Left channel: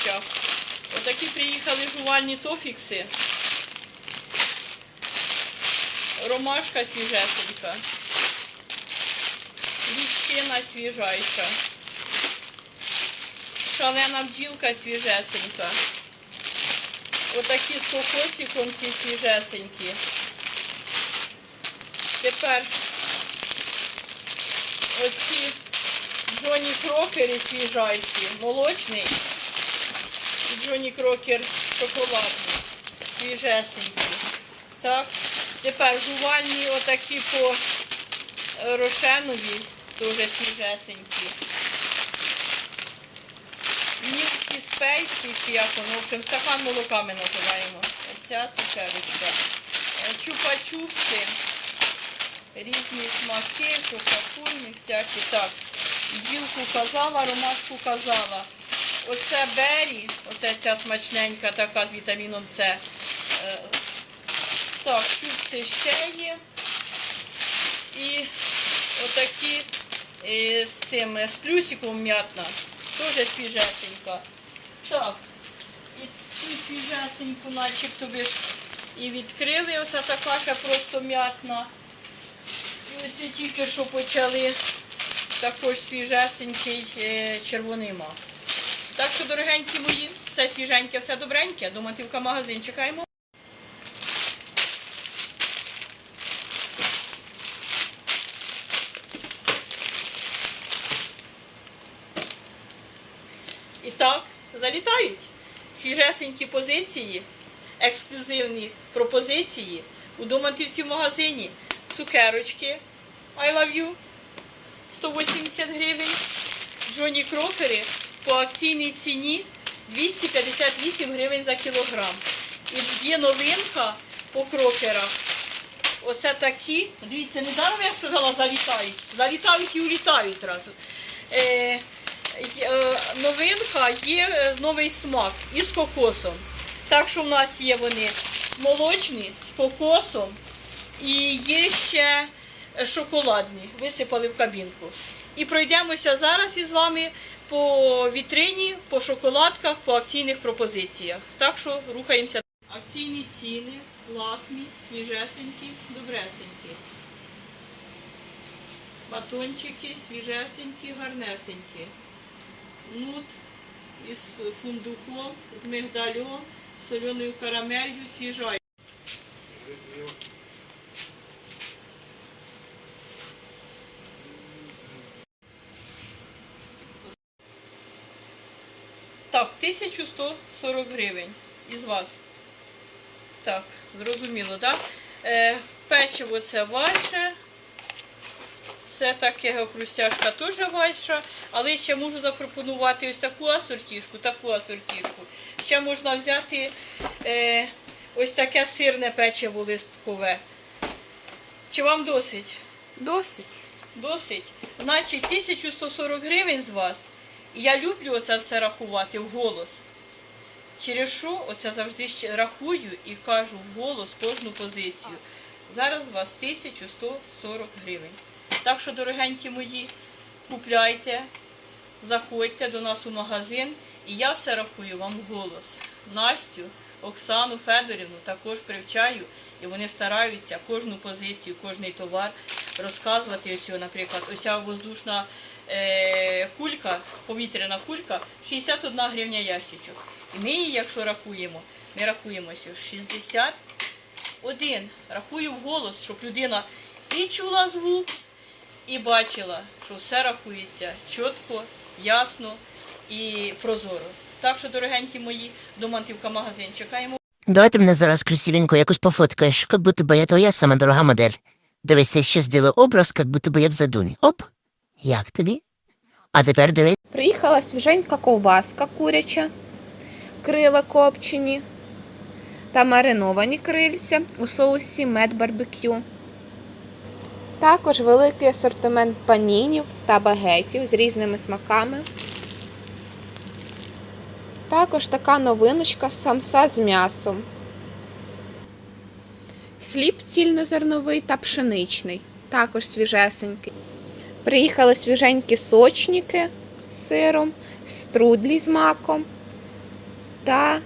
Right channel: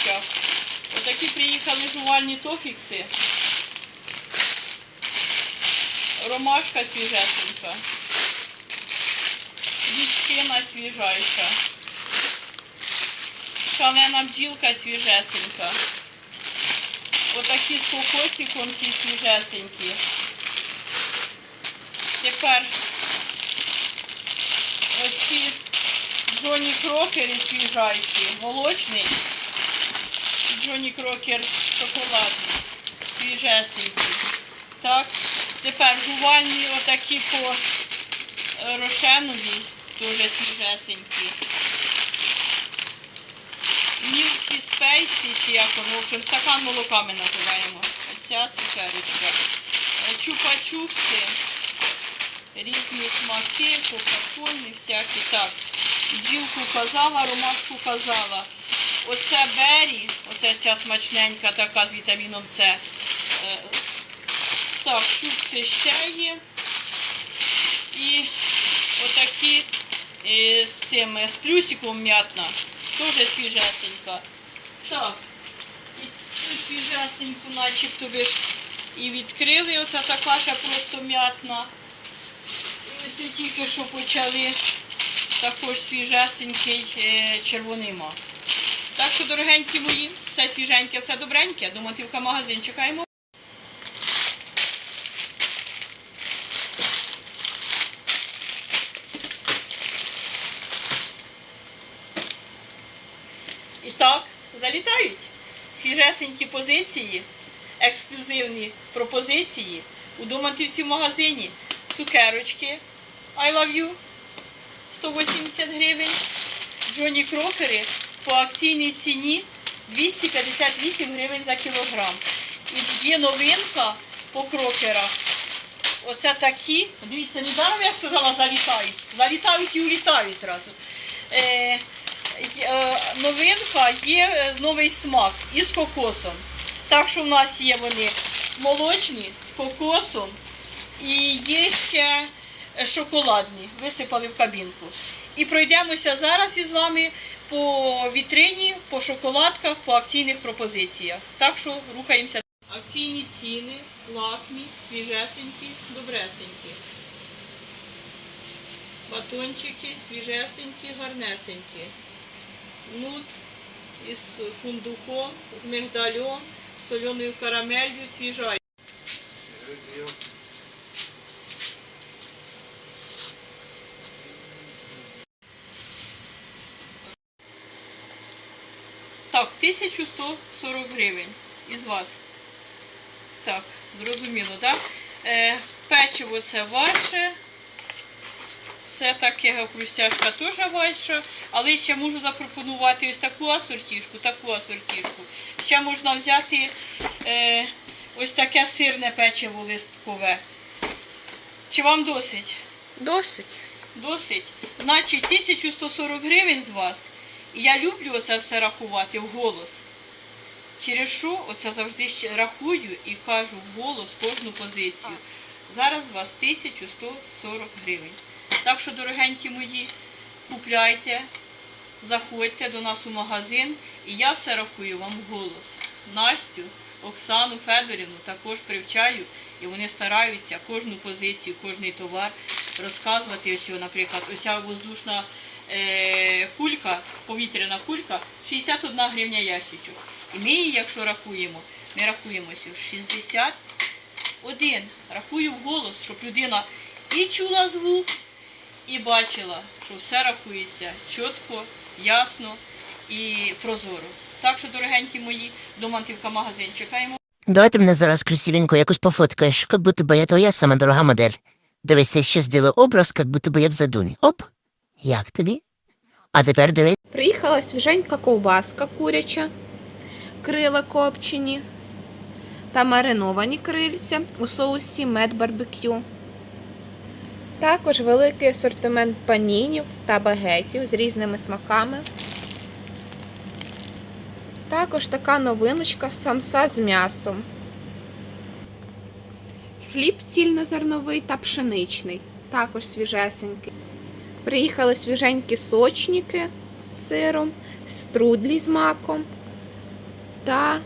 солодощах. Отакі приїхали жувальні тофікси. Ромашка свіжесенька. Лічкина свіжайша. Шалена бджілка свіжесенька. Отакі з кокосиком ці свіжесенькі. Тепер оці Джоні Крокери свіжайші, молочний Джоні Крокер шоколадний, свіжесенький. Так, тепер жувальні отакі по е, рошенові, теж свіжесенькі. Мілкі спейсі, чи як воно, стакан молока ми називаємо. Оця цукерочка. Е, Чупа-чупси різні смаки, кока-кольні всякі. Так, бджілку казала, ромашку казала. Оце бері, оце ця смачненька така з вітаміном С. Е, Так, чупси ще є. І отакі е, з цим, з плюсиком м'ятна. Теж свіжесенька. Так, і цю свіжесеньку начебто ви ж і відкрили. Оце така ще просто м'ятна. Ось тільки що почали також свіжесенький е, червоний мак. Так що, дорогенькі мої, все свіженьке, все добреньке. До магазин чекаємо. І так, залітають свіжесенькі позиції, ексклюзивні пропозиції у Домантівці в магазині. Цукерочки I love you 180 гривень. Джоні Крокери по акційній ціні 258 гривень за кілограм. І є новинка по крокерах. Оце такі. Дивіться, не даром я сказала залітають. Залітають і улітають одразу. Е, е, новинка є е, новий смак із кокосом. Так що в нас є вони молочні з кокосом і є ще е, шоколадні. Висипали в кабінку. І пройдемося зараз із вами по вітрині, по шоколадках, по акційних пропозиціях. Так що рухаємося. Акційні ціни, лакмі, свіжесенькі, добресенькі. Батончики свіжесенькі, гарнесенькі. Нут із фундуком, з мигдальом, соленою карамелью, свіжа. Так, 1140 гривень із вас. Так, зрозуміло, так? Е, печиво це ваше. Це таке хрустяшка теж ваша, але ще можу запропонувати ось таку асортішку, таку асортішку. Ще можна взяти е, ось таке сирне печиво листкове. Чи вам досить? Досить. Досить. Значить, 1140 гривень з вас. І я люблю оце все рахувати вголос. Через що оце завжди ще рахую і кажу вголос кожну позицію. Зараз з вас 1140 гривень. Так що, дорогенькі мої, купляйте, заходьте до нас у магазин, і я все рахую вам вголос. Настю, Оксану Федорівну також привчаю, і вони стараються кожну позицію, кожний товар розказувати. Ось, наприклад, ось воздушна кулька, повітряна кулька, 61 гривня ящичок. І ми її, якщо рахуємо, ми рахуємо ось 61. Рахую вголос, щоб людина і чула звук, і бачила, що все рахується чітко, ясно і прозоро. Так що, дорогенькі мої, Домантівка магазин. Чекаємо. Давай ти мене зараз красивенько якось пофоткаєш, як будто би я твоя сама дорога модель. Дивись, я ще зробила образ, як будто би я в задумі. Оп! Як тобі? А тепер дивись. Приїхала свіженька ковбаска куряча, крила копчені та мариновані крильця у соусі мед барбекю. Також великий асортимент панінів та багетів з різними смаками. Також така новиночка самса з м'ясом. Хліб цільнозерновий та пшеничний, також свіжесенький. Приїхали свіженькі сочники з сиром, струдлі з маком та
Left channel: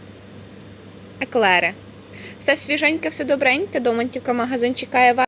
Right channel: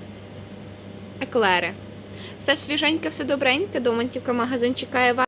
еклери. Все свіженьке, все добреньке. Домантівка магазин чекає вас.